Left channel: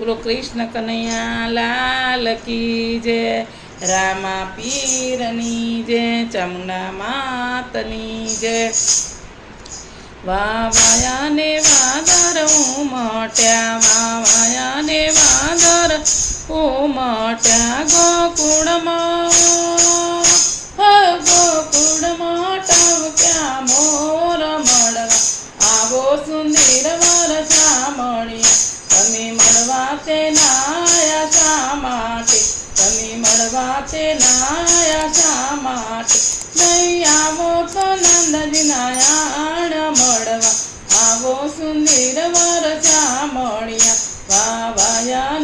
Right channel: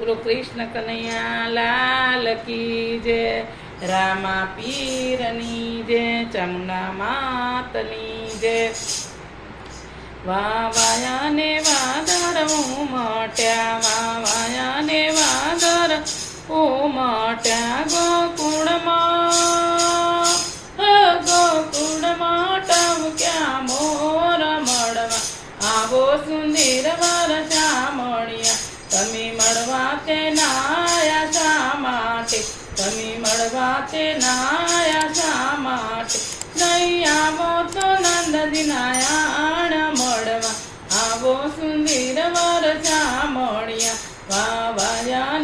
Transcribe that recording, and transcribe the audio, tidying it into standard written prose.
બોલો કૃષ્ણ કનૈયા લાલ કી જય, રામા પીરની જય, ચામુંડા માતની જય. વાવાયા ને વાગર ઉમટ્યા, વાવાયા ને વાગર ઉમટ્યા ગોકુળમાં, ગોકુળમાં ટવક્યા મોર મળવા, આવો સુંદર વર સામળિયા. તમે મળવા તે નાયા શા માટે, તમે મળવા તે નાયા શા માટે, નહીં આવો તો નંદજીના આણ મળવા, આવો સુંદર વર સામળિયા. વાવાયા